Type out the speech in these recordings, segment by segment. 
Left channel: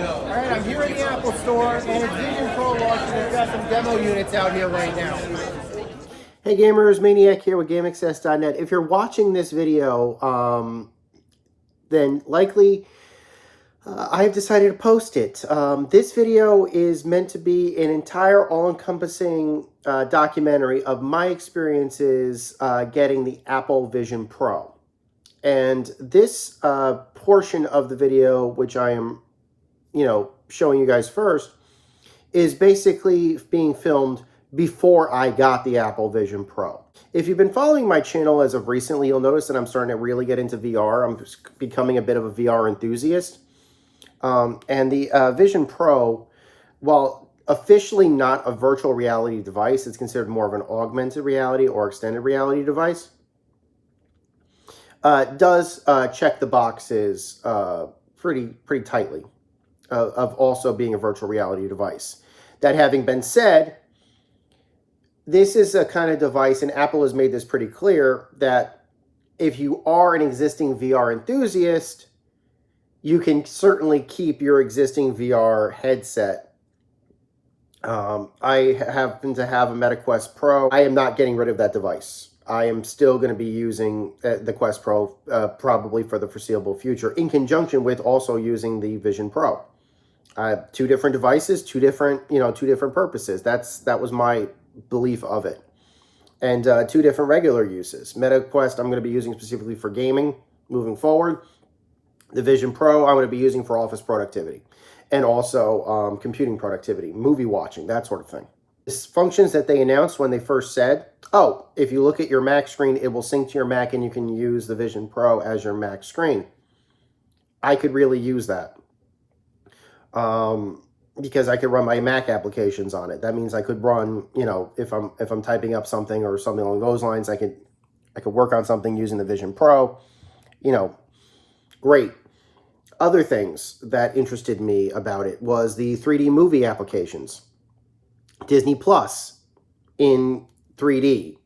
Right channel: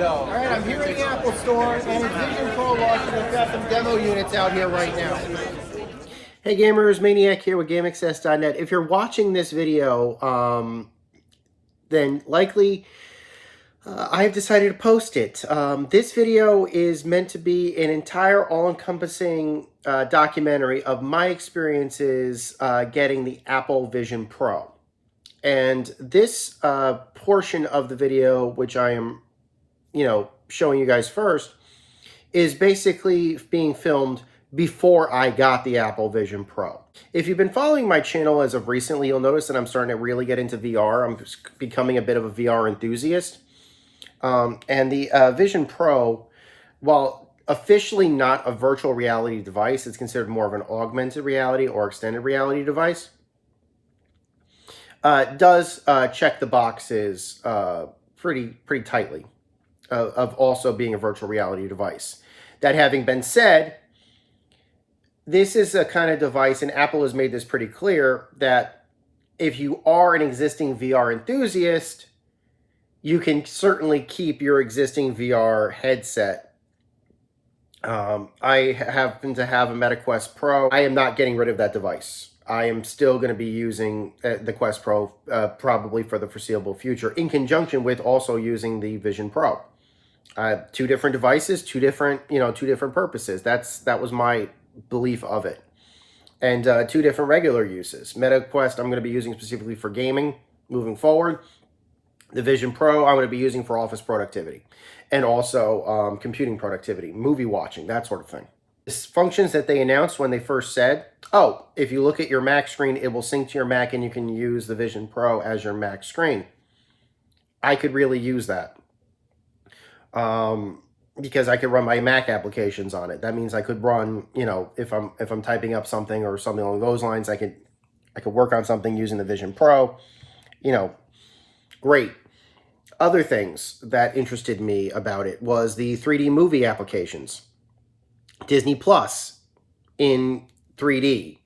All right, I'm here in the Apple Store, and it's Vision Pro launching. They've got some demo units out here right now. Hey gamers, Maniac here with GameAccess.net. If you're watching this video, then likely I've decided to post it. This video is meant to be an entire all-encompassing documentary of my experiences getting the Apple Vision Pro. And this portion of the video, which I am, showing you guys first, is basically being filmed before I got the Apple Vision Pro. If you've been following my channel as of recently, you'll notice that I'm starting to really get into VR. I'm becoming a bit of a VR enthusiast. And the Vision Pro, while officially not a virtual reality device, it's considered more of an augmented reality or extended reality device, does check the boxes pretty tightly of also being a virtual reality device. That having been said, this is a kind of device, and Apple has made this pretty clear, that if you are an existing VR enthusiast, you can certainly keep your existing VR headset. I happen to have a Meta Quest Pro. I am not getting rid of that device. I am still going to be using the Quest Pro probably for the foreseeable future, in conjunction with also using the Vision Pro. Two different devices, two different purposes. That was my belief of it. And two different regular uses. Meta Quest I'm going to be using specifically for gaming moving forward. The Vision Pro I'm going to be using for office productivity and also computing productivity, movie watching, that sort of thing. The functions that they announced when they first said, oh, if you look at your Mac screen, it will sync to your Mac and you can use the Vision Pro as your Mac screen. I could really use that. Because I could run my Mac applications on it. That means I could run, if I'm typing up something or something along those lines, I could work on something using the Vision Pro. Great. Other things that interested me about it was the 3D movie applications. Disney Plus in 3D,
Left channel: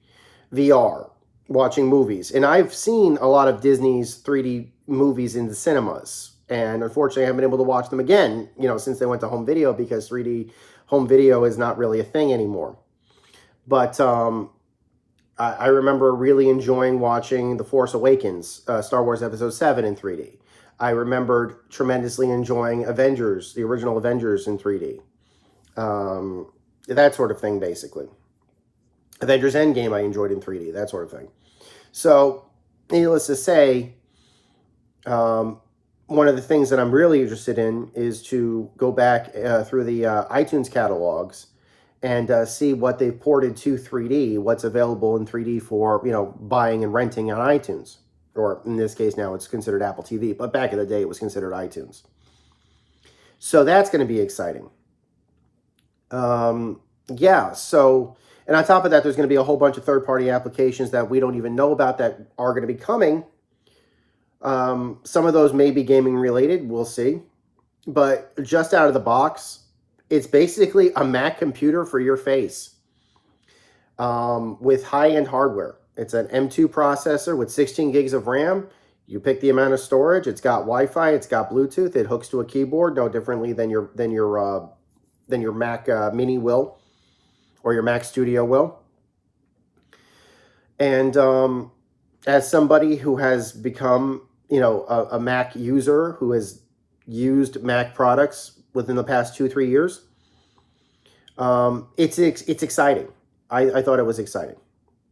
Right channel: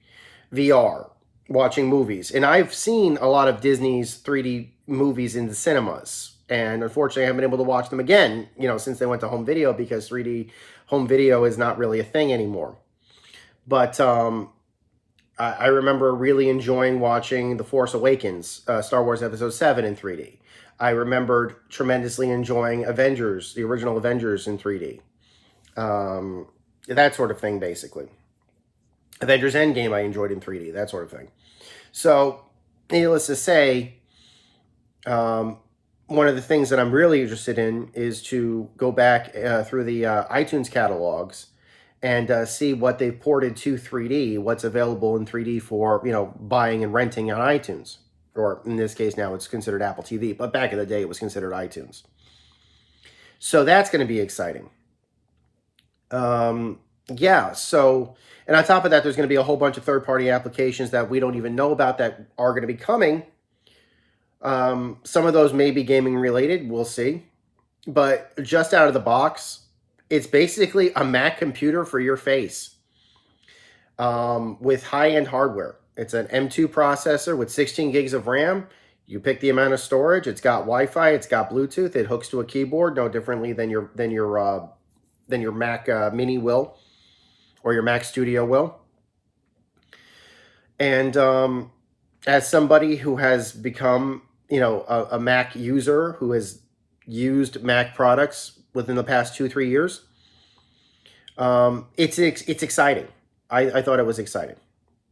VR, watching movies. And I've seen a lot of Disney's 3D movies in the cinemas. And unfortunately, I haven't been able to watch them again, since they went to home video, because 3D home video is not really a thing anymore. But I remember really enjoying watching The Force Awakens, Star Wars Episode 7 in 3D. I remembered tremendously enjoying Avengers, the original Avengers in 3D. That sort of thing, basically. Avengers Endgame I enjoyed in 3D, that sort of thing. So, needless to say, one of the things that I'm really interested in is to go back through the iTunes catalogs and see what they've ported to 3D, what's available in 3D for, buying and renting on iTunes. Or in this case now it's considered Apple TV, but back in the day it was considered iTunes. So that's going to be exciting. Yeah, so, and on top of that, there's going to be a whole bunch of third-party applications that we don't even know about that are going to be coming. Some of those may be gaming related, we'll see. But just out of the box, it's basically a Mac computer for your face with high-end hardware. It's an M2 processor with 16 gigs of RAM. You pick the amount of storage. It's got Wi-Fi. It's got Bluetooth. It hooks to a keyboard, no differently than your Mac Mini will, or your Mac Studio will. And as somebody who has become, a Mac user who has used Mac products within the past 2-3 years, it's exciting. I thought it was exciting.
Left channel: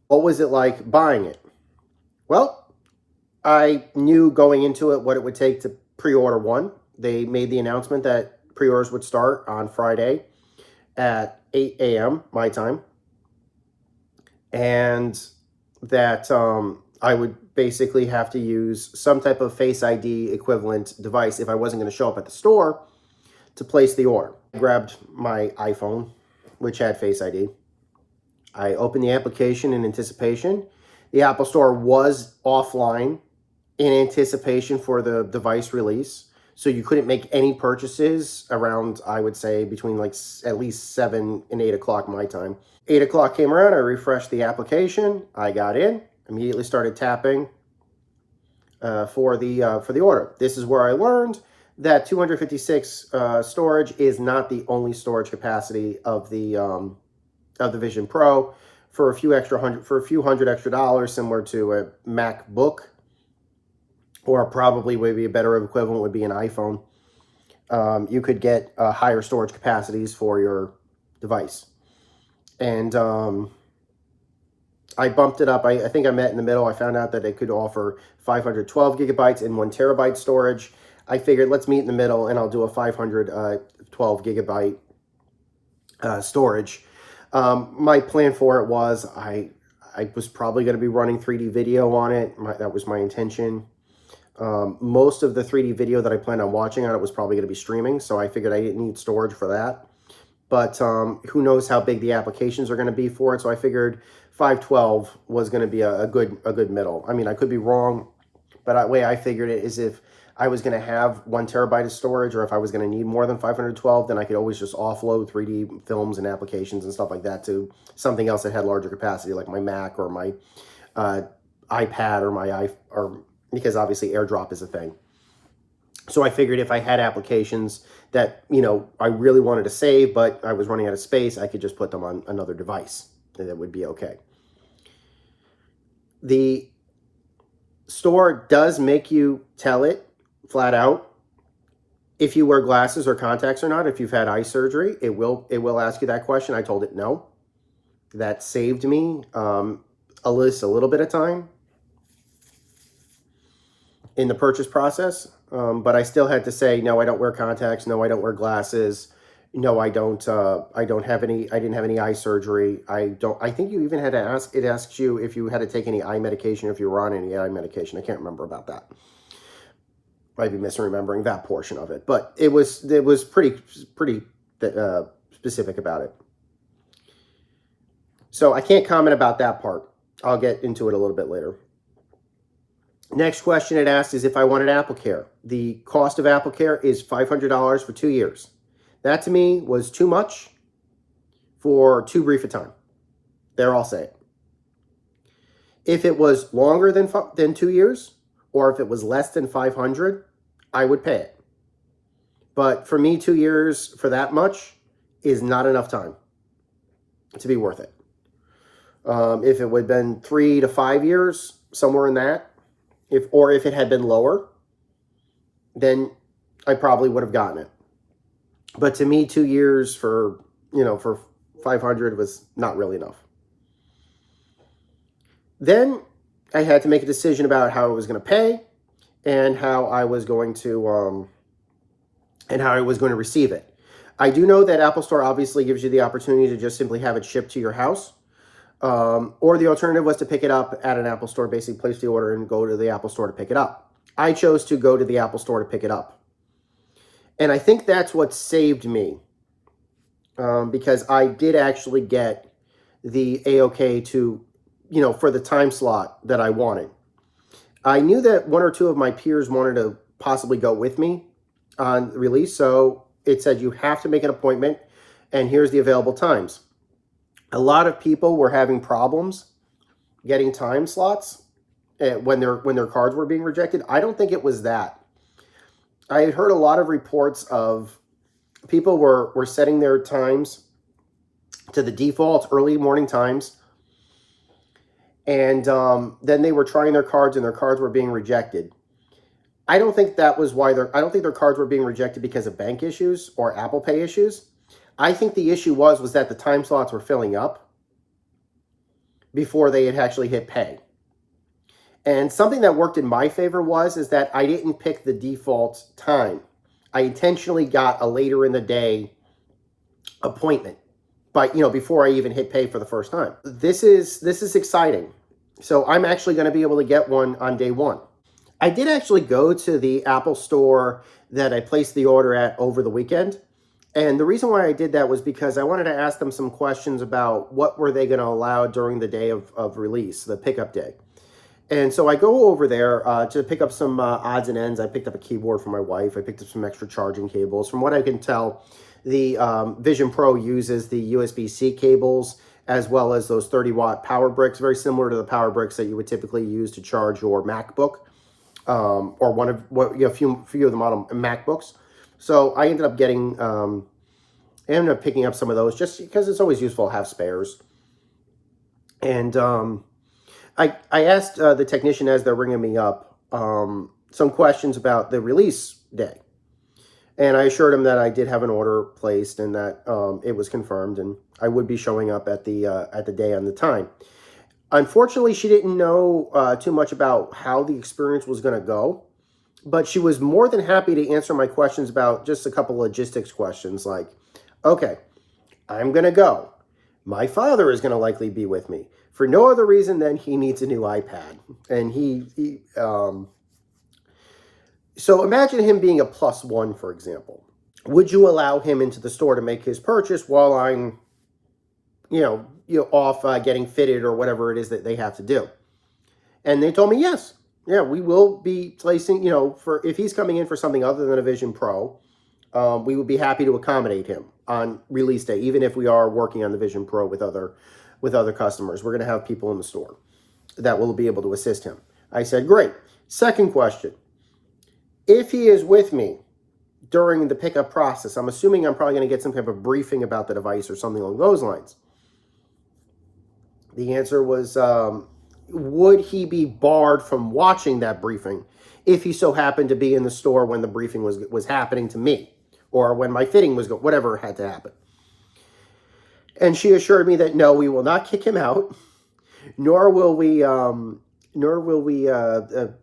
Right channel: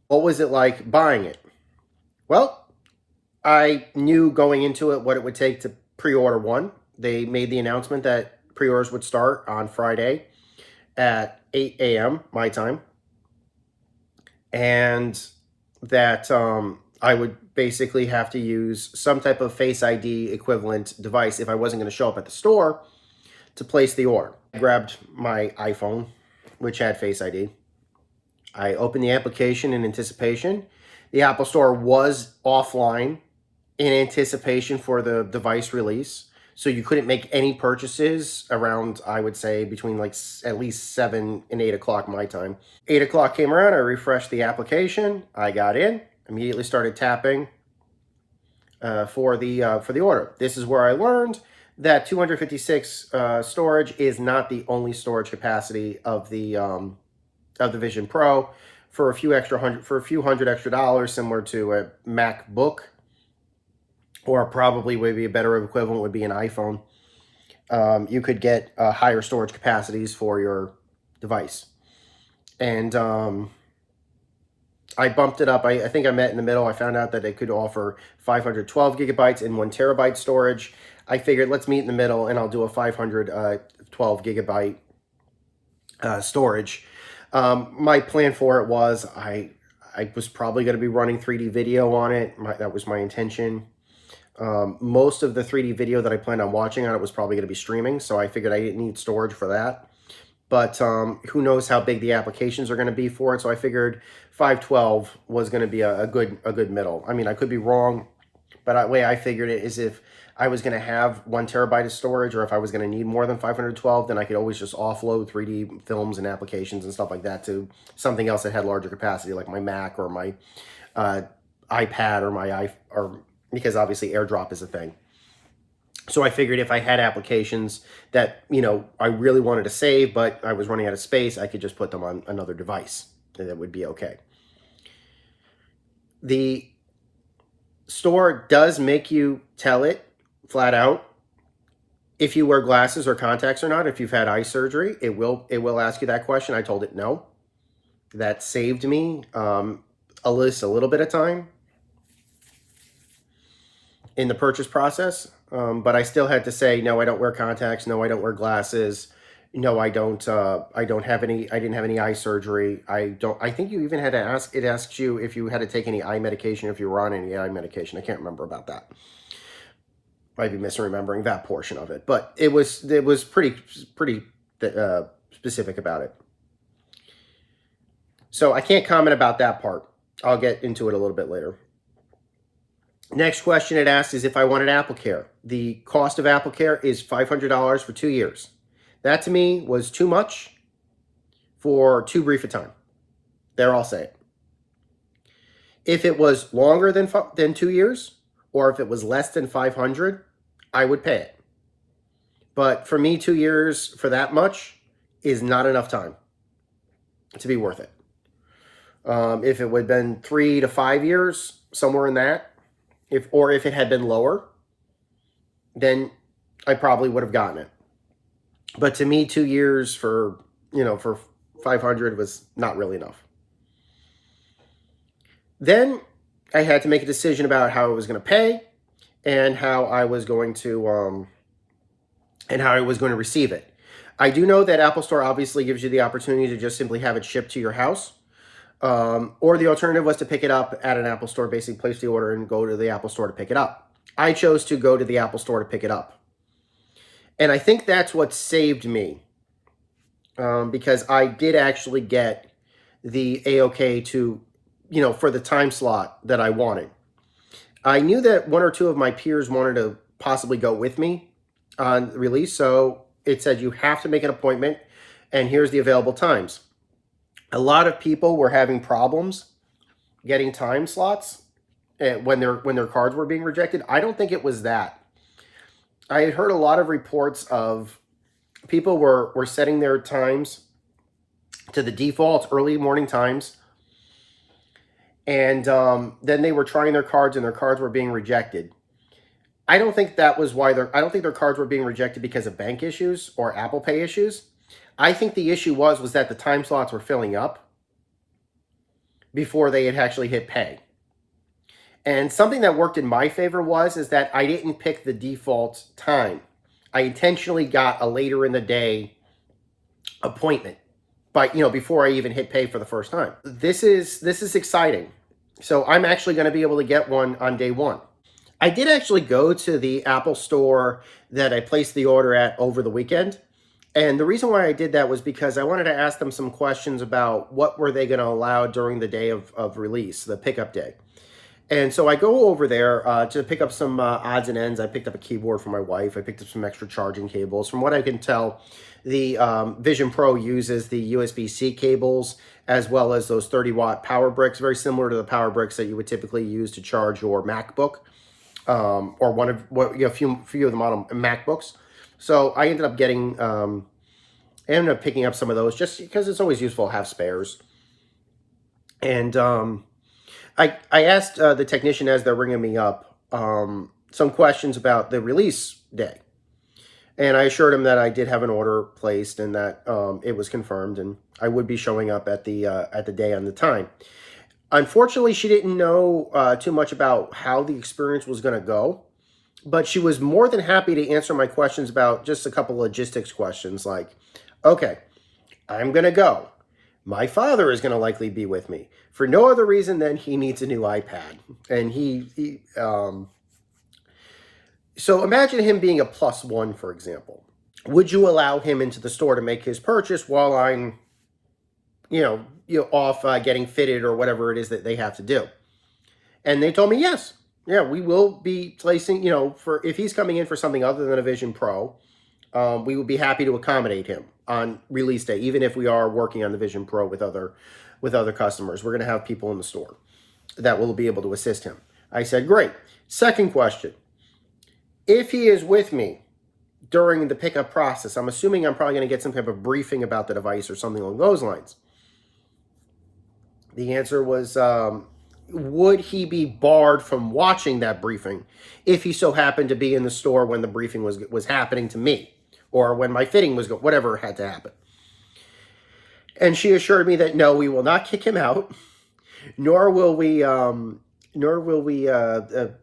What was it like buying it? Well, I knew going into it what it would take to pre-order one. They made the announcement that pre-orders would start on Friday at 8 a.m. my time. And that I would basically have to use some type of Face ID equivalent device if I wasn't going to show up at the store to place the order. I grabbed my iPhone, which had Face ID. I opened the application in anticipation. The Apple Store was offline in anticipation for the device release. So you couldn't make any purchases around, I would say, between like at least 7 and 8 o'clock my time. 8 o'clock came around, I refreshed the application, I got in, immediately started tapping for the order. This is where I learned that 256 storage is not the only storage capacity of the Vision Pro. For a few hundred extra dollars, similar to a MacBook, or probably maybe a better equivalent would be an iPhone, you could get higher storage capacities for your device. And I bumped it up. I think I met in the middle. I found out that it could offer 512 gigabytes and 1 terabyte storage. I figured let's meet in the middle, and I'll do a 512 gigabyte storage. My plan for it was I was probably going to be running 3D video on it. That was my intention. Most of the 3D video that I planned on watching on it was probably going to be streaming, so I figured I didn't need storage for that. But who knows how big the applications are going to be for it, so I figured 512 was going to be a good middle. I mean, I could be wrong, but the way I figured it is if I was going to have 1 terabyte of storage, or if I was going to need more than 512, then I could always just offload 3D films and applications and stuff like that to something else that had larger capacity, like my Mac or my iPad or because obviously AirDrop is a thing. So I figured if I had applications that, you know, I really wanted to save, but I was running out of space, I could just put them on another device, and that would be okay. The store does make you tell it flat out if you wear glasses or contacts or not. If you've had eye surgery, it will ask you that question. I told it no. That saved me a little bit of time in the purchase process, but I still had to say no. I don't wear contacts. No, I don't wear glasses. No, I don't have any. I didn't have any eye surgery. I think you even had to ask. It asks you if you had to take any eye medication, if you were on any eye medication. I can't remember about that. Might be misremembering that portion of it, but it was pretty specific about it. So I can't comment about that part. I'll get into it a little bit later. Next question it asked is if I wanted AppleCare. The cost of AppleCare is $500 for 2 years. That to me was too much for too brief a time. There, I'll say it. If it was longer than 2 years, or if it was less than 500, I would pay it. But for me, 2 years for that much is not enough time to be worth it. If it would have been 3 to 5 years, somewhere in that, if it had been lower, then I probably would have gotten it. But to me, 2 years for 500 was not really enough. Then I had to make a decision about how I was going to pay and how I was going to receive it. I do know that Apple Store obviously gives you the opportunity to just simply have it shipped to your house. Or the alternative was to pick it up at an Apple Store, basically place the order and go to the Apple Store to pick it up. I chose to go to the Apple Store to pick it up. And I think that's what saved me, because I did actually get the A-OK to, for the time slot that I wanted. I knew that 1 or 2 of my peers wanted to possibly go with me on release, so it said you have to make an appointment, and here's the available times. A lot of people were having problems getting time slots when their cards were being rejected. I don't think it was that. I had heard a lot of reports of people were setting their times to the default early morning times, and then they were trying their cards and their cards were being rejected. I don't think that was why I don't think their cards were being rejected because of bank issues or Apple Pay issues. I think the issue was that the time slots were filling up before they had actually hit pay. And something that worked in my favor is that I didn't pick the default time. I intentionally got a later in the day appointment, but before I even hit pay for the first time. This is exciting. So I'm actually going to be able to get one on day one. I did actually go to the Apple Store that I placed the order at over the weekend. And the reason why I did that was because I wanted to ask them some questions about what were they going to allow during the day of release, the pickup day. And so I go over there to pick up some odds and ends. I picked up a keyboard for my wife. I picked up some extra charging cables. From what I can tell, the Vision Pro uses the USB-C cables as well as those 30-watt power bricks, very similar to the power bricks that you would typically use to charge your MacBook. or one of a few of the model MacBooks. So I ended up picking up some of those just because it's always useful to have spares. And I asked the technician as they're ringing me up some questions about the release day. And I assured him that I did have an order placed and that it was confirmed and I would be showing up at the day and the time. Unfortunately, she didn't know too much about how the experience was going to go, but she was more than happy to answer my questions about just a couple logistics questions like, okay, I'm going to go. My father is going to likely be with me for no other reason than he needs a new iPad. And so imagine him being a +1, for example. Would you allow him into the store to make his purchase while I'm, off getting fitted or whatever it is that they have to do? And they told me, yes. Yeah, we will be placing, for if he's coming in for something other than a Vision Pro, we would be happy to accommodate him on release day, even if we are working on the Vision Pro with other customers. We're going to have people in the store that will be able to assist him. I said, great. Second question. If he is with me during the pickup process, I'm assuming I'm probably going to get some type of briefing about the device or something along those lines. The answer was, would he be barred from watching that briefing if he so happened to be in the store when the briefing was happening to me, or when my fitting was whatever had to happen? And she assured me that no, we will not kick him out, nor will we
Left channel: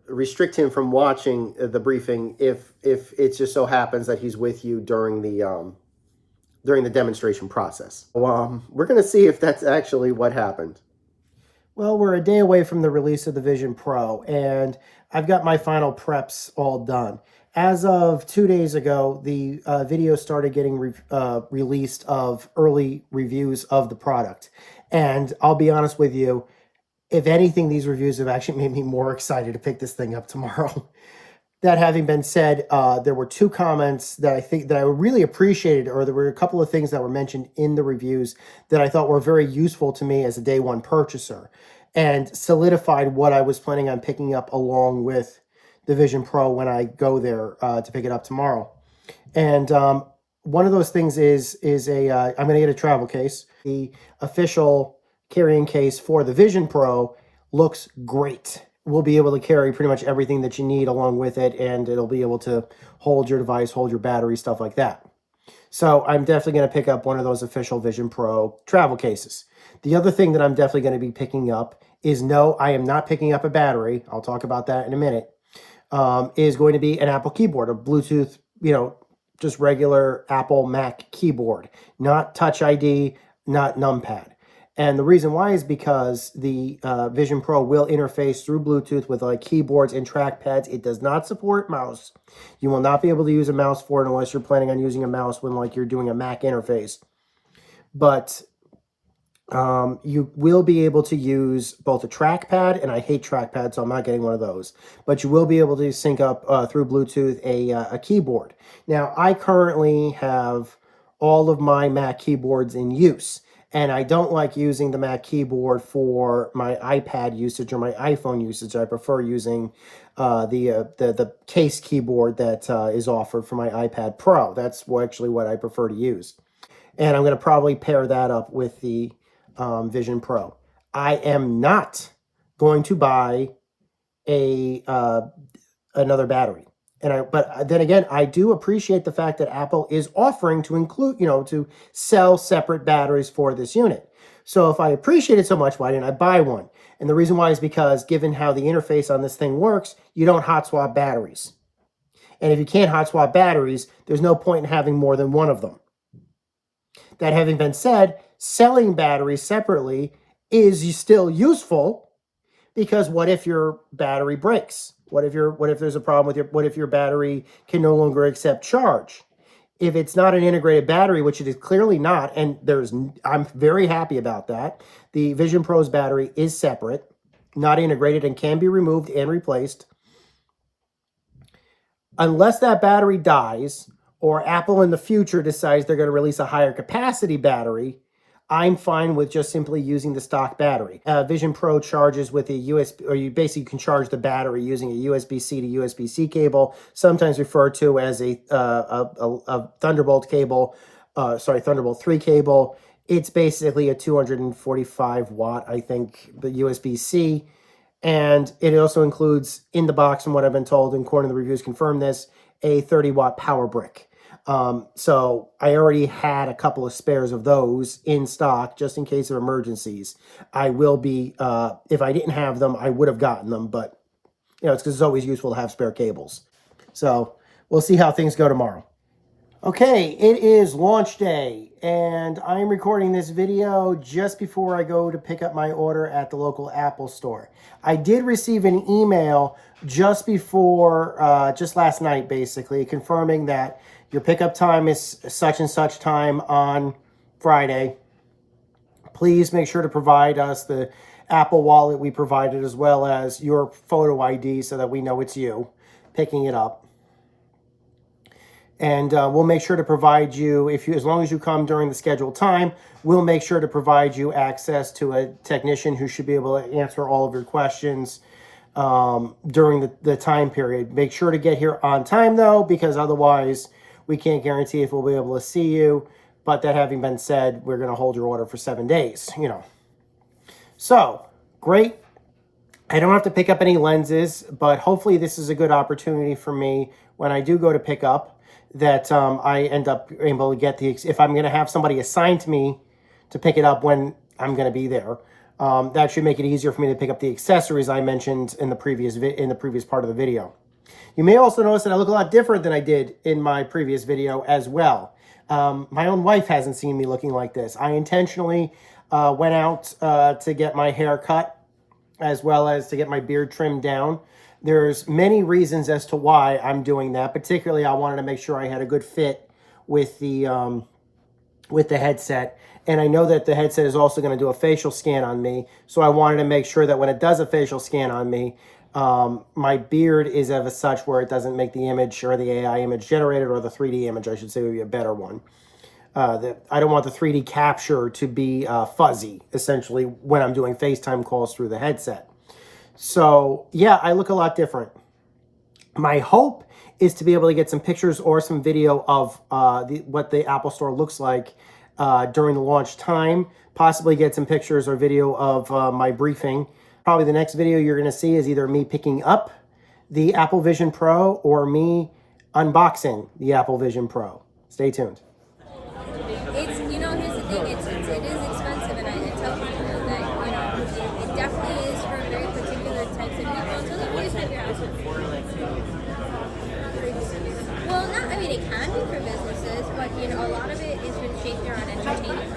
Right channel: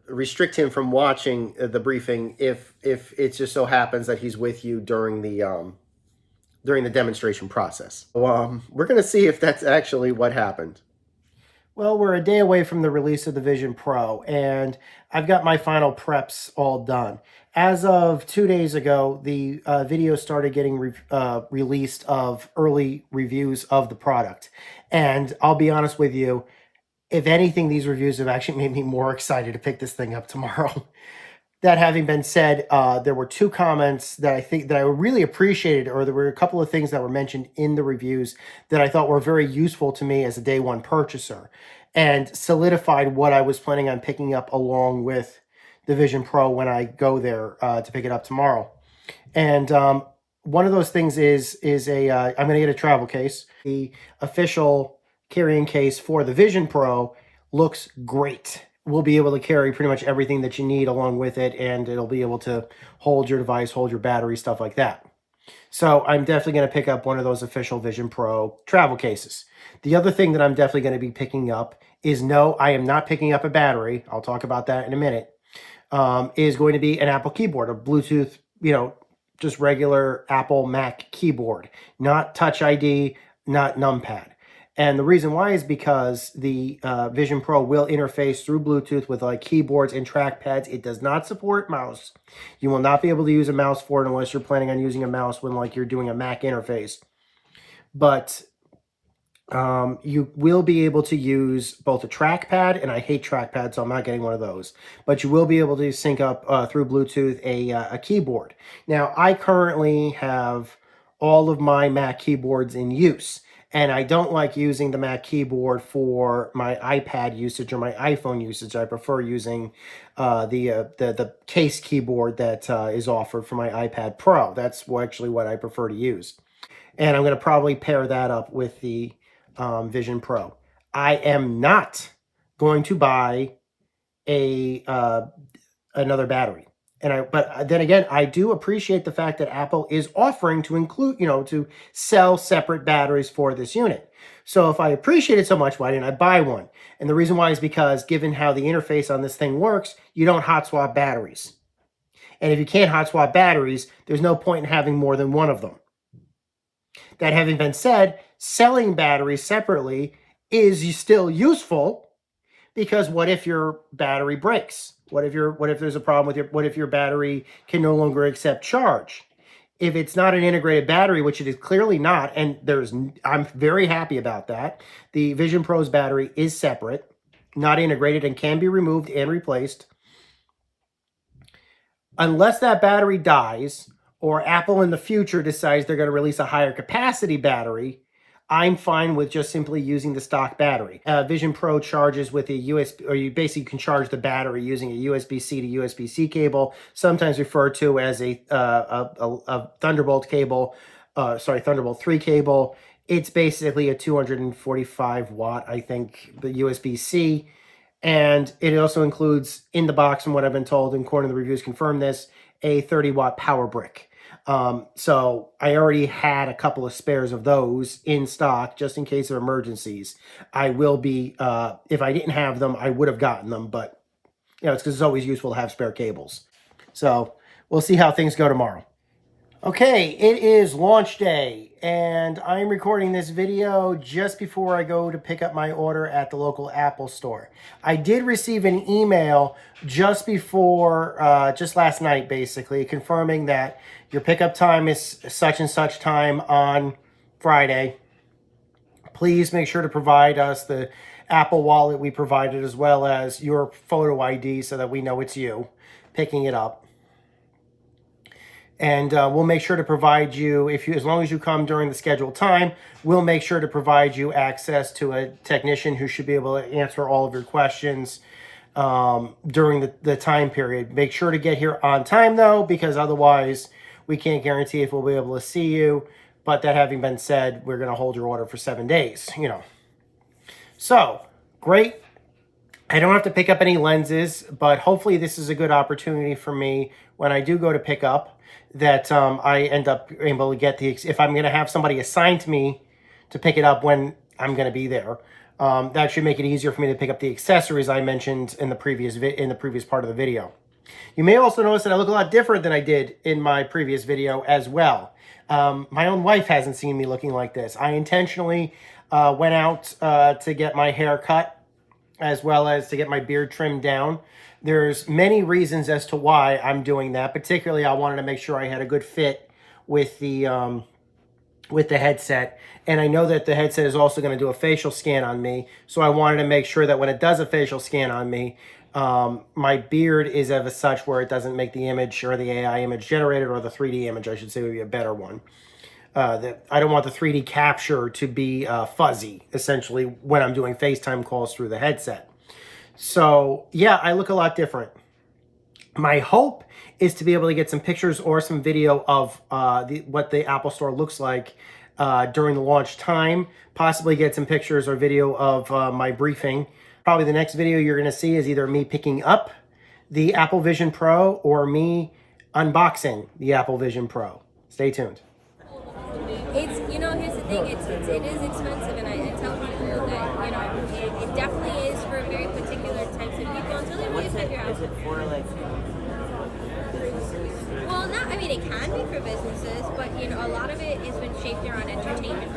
restrict him from watching the briefing if it just so happens that he's with you during the demonstration process. So, we're going to see if that's actually what happened. Well, we're a day away from the release of the Vision Pro, and I've got my final preps all done. As of 2 days ago, the video started getting released of early reviews of the product. And I'll be honest with you, if anything, these reviews have actually made me more excited to pick this thing up tomorrow. That having been said, there were 2 comments that I really appreciated, or there were a couple of things that were mentioned in the reviews that I thought were very useful to me as a day one purchaser and solidified what I was planning on picking up along with the Vision Pro when I go there to pick it up tomorrow. And one of those things is I'm going to get a travel case. The official carrying case for the Vision Pro looks great. We'll be able to carry pretty much everything that you need along with it, and it'll be able to hold your device, hold your battery, stuff like that. So I'm definitely going to pick up one of those official Vision Pro travel cases. The other thing that I'm definitely going to be picking up is, no, I am not picking up a battery. I'll talk about that in a minute. Is going to be an Apple keyboard, a Bluetooth, just regular Apple Mac keyboard, not Touch ID, not numpad. And the reason why is because the Vision Pro will interface through Bluetooth with like keyboards and trackpads. It does not support mouse. You will not be able to use a mouse for it unless you're planning on using a mouse when like you're doing a Mac interface. But you will be able to use both a trackpad, and I hate trackpads, so I'm not getting one of those. But you will be able to sync up through Bluetooth a keyboard. Now, I currently have all of my Mac keyboards in use. And I don't like using the Mac keyboard for my iPad usage or my iPhone usage. I prefer using the case keyboard that is offered for my iPad Pro. That's actually what I prefer to use. And I'm going to probably pair that up with the Vision Pro. I am not going to buy another battery. But then again, I do appreciate the fact that Apple is offering to include, to sell separate batteries for this unit. So if I appreciate it so much, why didn't I buy one? And the reason why is because given how the interface on this thing works, you don't hot swap batteries. And if you can't hot swap batteries, there's no point in having more than one of them. That having been said, selling batteries separately is still useful, because what if your battery breaks? What if there's a problem with what if your battery can no longer accept charge? If it's not an integrated battery, which it is clearly not, and I'm very happy about that. The Vision Pro's battery is separate, not integrated, and can be removed and replaced. Unless that battery dies, or Apple in the future decides they're going to release a higher capacity battery, I'm fine with just simply using the stock battery. Vision Pro charges with a USB, or you basically can charge the battery using a USB-C to USB-C cable, sometimes referred to as a Thunderbolt cable, Thunderbolt 3 cable. It's basically a 245 watt, I think, the USB-C. And it also includes in the box, from what I've been told, and according to the reviews confirm this, a 30 watt power brick. So I already had a couple of spares of those in stock just in case of emergencies. I will be, if I didn't have them, I would have gotten them, but it's because it's always useful to have spare cables. So we'll see how things go tomorrow. Okay, it is launch day, and I'm recording this video just before I go to pick up my order at the local Apple store. I did receive an email just before, just last night basically, confirming that your pickup time is such and such time on Friday. Please make sure to provide us the Apple Wallet we provided, as well as your photo ID so that we know it's you picking it up. And we'll make sure to provide you, as long as you come during the scheduled time, we'll make sure to provide you access to a technician who should be able to answer all of your questions during the time period. Make sure to get here on time, though, because otherwise we can't guarantee if we'll be able to see you. But that having been said, we're going to hold your order for 7 days, So, great. I don't have to pick up any lenses, but hopefully this is a good opportunity for me when I do go to pick up, that I end up able to get if I'm going to have somebody assigned to me to pick it up when I'm going to be there. That should make it easier for me to pick up the accessories I mentioned in the previous part of the video. You may also notice that I look a lot different than I did in my previous video as well. My own wife hasn't seen me looking like this. I intentionally went out to get my hair cut, as well as to get my beard trimmed down. There's many reasons as to why I'm doing that. Particularly, I wanted to make sure I had a good fit with the headset. And I know that the headset is also going to do a facial scan on me. So I wanted to make sure that when it does a facial scan on me, my beard is of a such where it doesn't make the image, or the AI image generated, or the 3D image, I should say, would be a better one. I don't want the 3D capture to be fuzzy, essentially, when I'm doing FaceTime calls through the headset. So, yeah, I look a lot different. My hope is to be able to get some pictures or some video of what the Apple Store looks like during the launch time. Possibly get some pictures or video of my briefing. Probably the next video you're going to see is either me picking up the Apple Vision Pro or me unboxing the Apple Vision Pro. Stay tuned. Here's the thing, it is expensive, and I tell people that, it definitely is for very particular types of people. Until they use it, Is it for well, it can be for businesses, but a lot of it has been shaped around entertainment.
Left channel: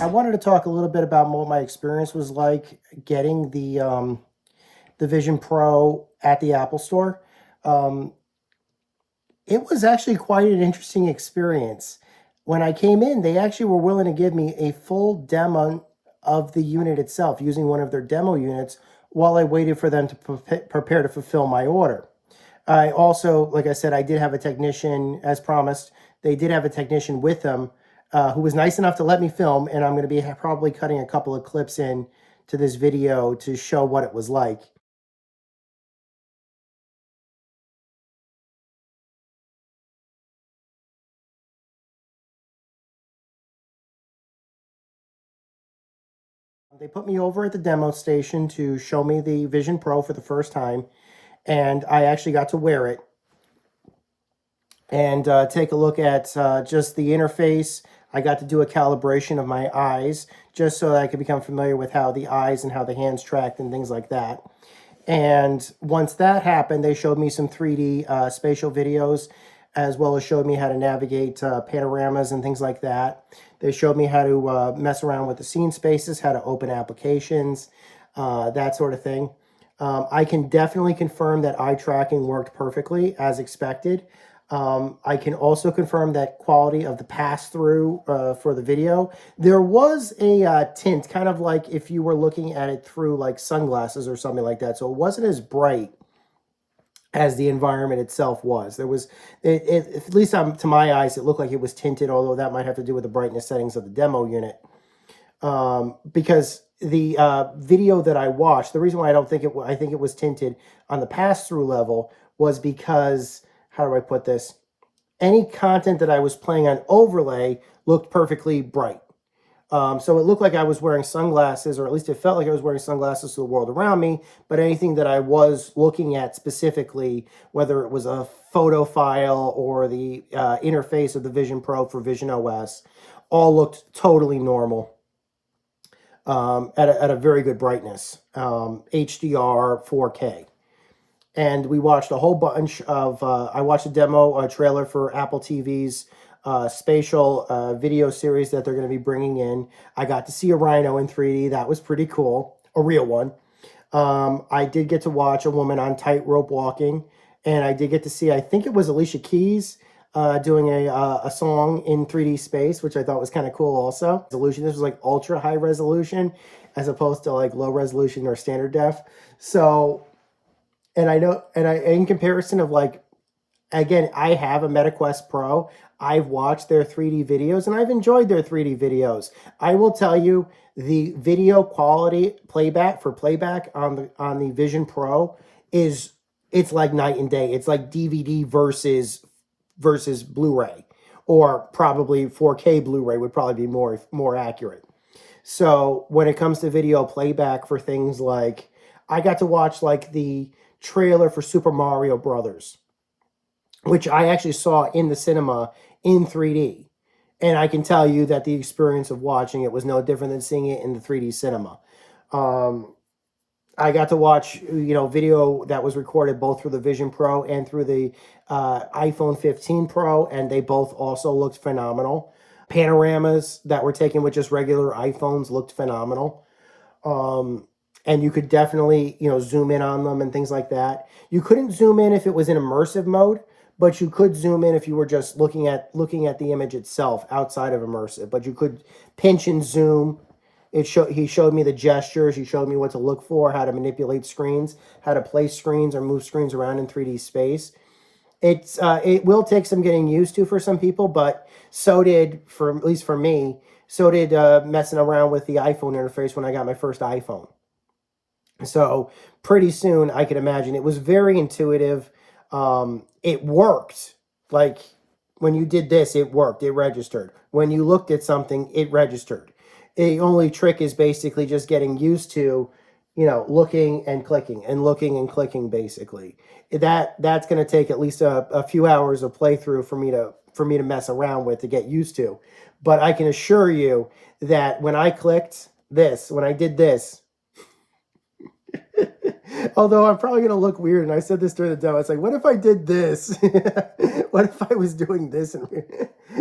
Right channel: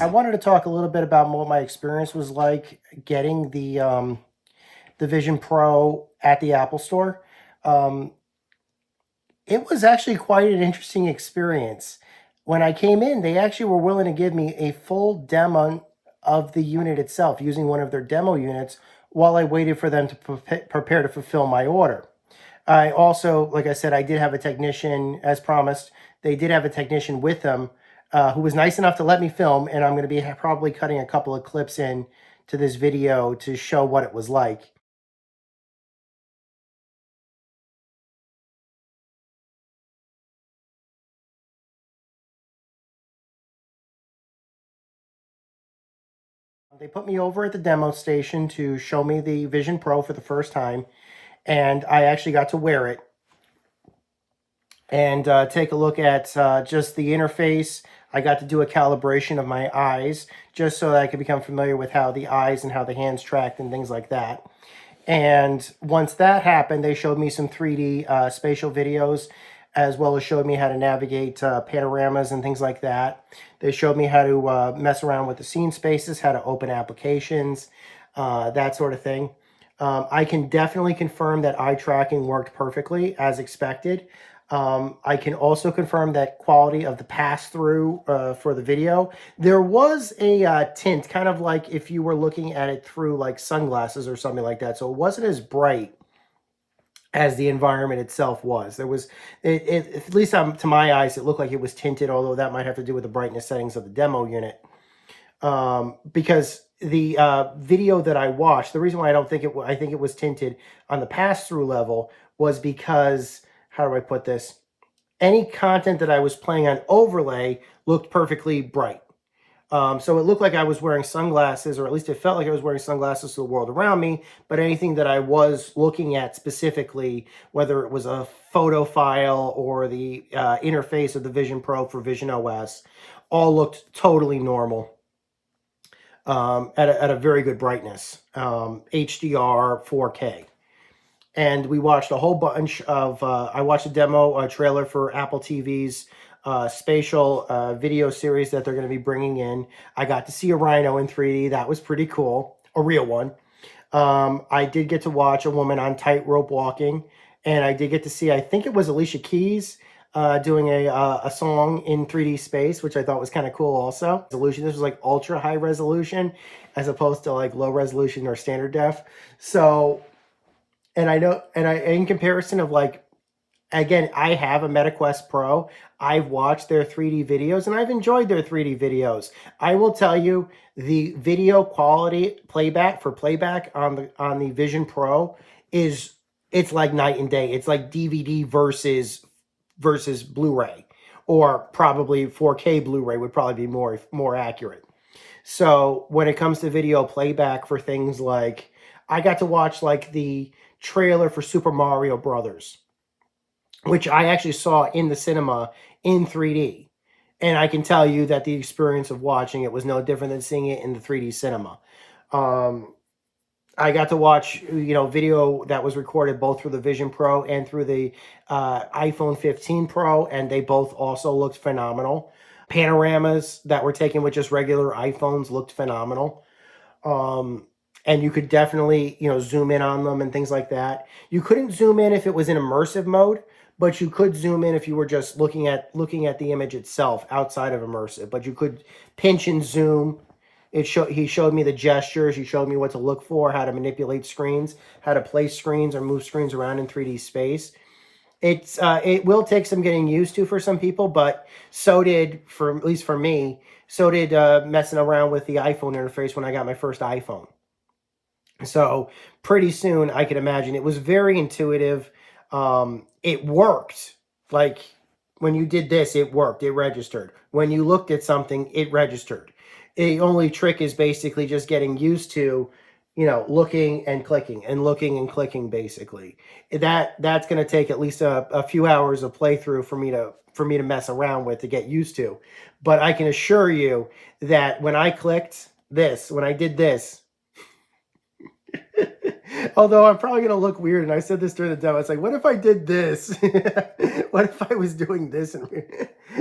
I wanted to talk a little bit about what my experience was like getting the Vision Pro at the Apple Store. It was actually quite an interesting experience. When I came in, they actually were willing to give me a full demo of the unit itself, using one of their demo units, while I waited for them to prepare to fulfill my order. I also, like I said, I did have a technician, as promised. They did have a technician with them who was nice enough to let me film, and I'm going to be probably cutting a couple of clips in to this video to show what it was like. They put me over at the demo station to show me the Vision Pro for the first time, and I actually got to wear it and take a look at just the interface. I got to do a calibration of my eyes, just so that I could become familiar with how the eyes and how the hands tracked and things like that. And once that happened, they showed me some 3D spatial videos, as well as showed me how to navigate panoramas and things like that. They showed me how to mess around with the scene spaces, how to open applications, that sort of thing. I can definitely confirm that eye tracking worked perfectly as expected. I can also confirm that quality of the pass-through for the video. There was a tint, kind of like if you were looking at it through like sunglasses or something like that. So it wasn't as bright as the environment itself was. There was, at least to my eyes, it looked like it was tinted, although that might have to do with the brightness settings of the demo unit. Because the video that I watched, the reason why I think it was tinted on the pass-through level was because, how do I put this? Any content that I was playing on overlay looked perfectly bright. So it looked like I was wearing sunglasses, or at least it felt like I was wearing sunglasses to the world around me. But anything that I was looking at specifically, whether it was a photo file or the interface of the Vision Pro for Vision OS, all looked totally normal at a very good brightness, HDR 4K. And we watched a whole bunch of, I watched a demo, a trailer for Apple TV's spatial video series that they're going to be bringing in. I got to see a rhino in 3D. That was pretty cool. A real one. I did get to watch a woman on tightrope walking. And I did get to see, I think it was Alicia Keys doing a song in 3D space, which I thought was kind of cool also. Resolution. This was like ultra high resolution as opposed to like low resolution or standard def. So, and I know, in comparison of like, again, I have a MetaQuest Pro. I've watched their 3D videos and I've enjoyed their 3D videos. I will tell you, the video quality playback on the Vision Pro it's like night and day. It's like DVD versus Blu-ray, or probably 4K Blu-ray would probably be more accurate. So when it comes to video playback for things like, I got to watch like the trailer for Super Mario Brothers, which I actually saw in the cinema in 3D. And I can tell you that the experience of watching it was no different than seeing it in the 3D cinema. I got to watch, video that was recorded both through the Vision Pro and through the iPhone 15 Pro, and they both also looked phenomenal. Panoramas that were taken with just regular iPhones looked phenomenal. And you could definitely, zoom in on them and things like that. You couldn't zoom in if it was in immersive mode, but you could zoom in if you were just looking at the image itself outside of immersive. But you could pinch and zoom. He showed me the gestures. He showed me what to look for, how to manipulate screens, how to place screens or move screens around in 3D space. It will take some getting used to for some people, but so did, at least for me, so did messing around with the iPhone interface when I got my first iPhone. So pretty soon, I could imagine it was very intuitive. It worked. Like when you did this, it worked. It registered. When you looked at something, it registered. The only trick is basically just getting used to, looking and clicking and looking and clicking. Basically, that's going to take at least a few hours of playthrough for me to mess around with, to get used to. But I can assure you that when I did this. Although I'm probably going to look weird, and I said this during the demo, it's like, what if I did this? What if I was doing this? And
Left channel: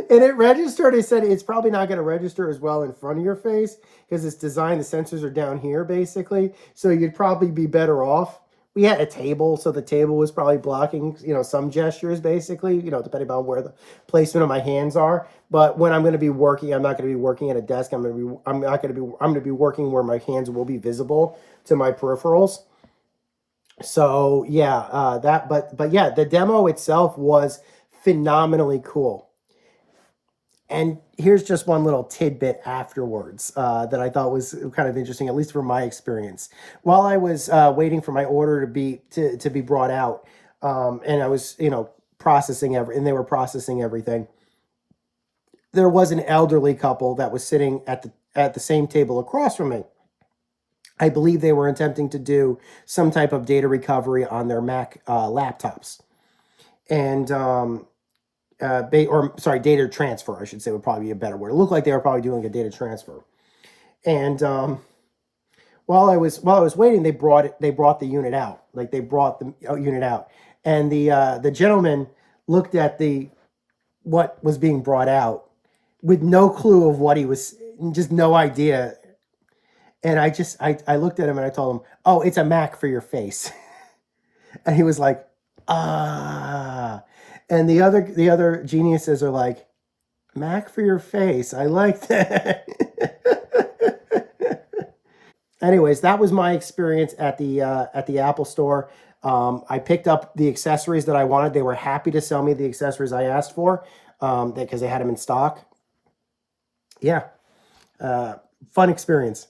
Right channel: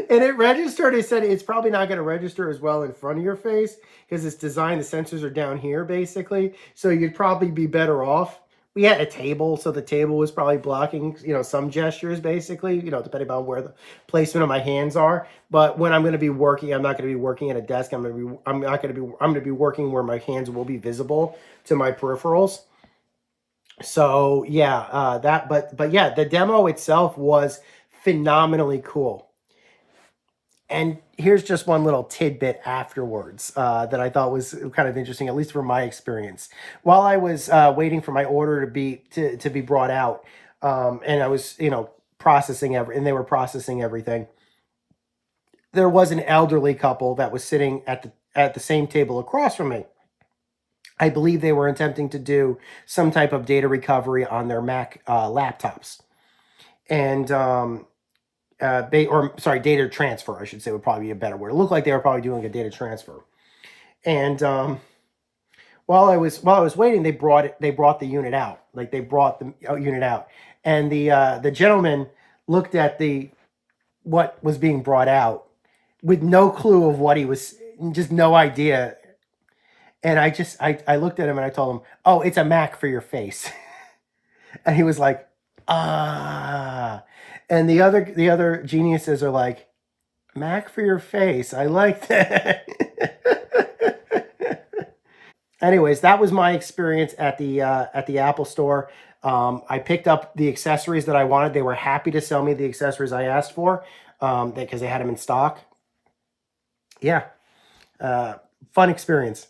it registered. I said it's probably not going to register as well in front of your face because it's designed, the sensors are down here, basically. So you'd probably be better off. We had a table, so the table was probably blocking, some gestures, basically, depending on where the placement of my hands are. But when I'm going to be working, I'm not going to be working at a desk. I'm going to be working where my hands will be visible to my peripherals. So yeah, but yeah, the demo itself was phenomenally cool. And here's just one little tidbit afterwards that I thought was kind of interesting, at least from my experience. While I was waiting for my order to be brought out, and I was processing and they were processing everything, there was an elderly couple that was sitting at the same table across from me. I believe they were attempting to do some type of data recovery on their Mac laptops. And, data transfer, I should say, would probably be a better word. It looked like they were probably doing a data transfer. And while I was waiting, they brought the unit out. Like, they brought the unit out. And the gentleman looked at what was being brought out with no clue of what he was, just no idea. And I looked at him and I told him, "Oh, it's a Mac for your face." And he was like, "Ah." And the other geniuses are like, "Mac for your face. I like that." Anyways, that was my experience at the Apple Store. I picked up the accessories that I wanted. They were happy to sell me the accessories I asked for because they had them in stock. Yeah, fun experience.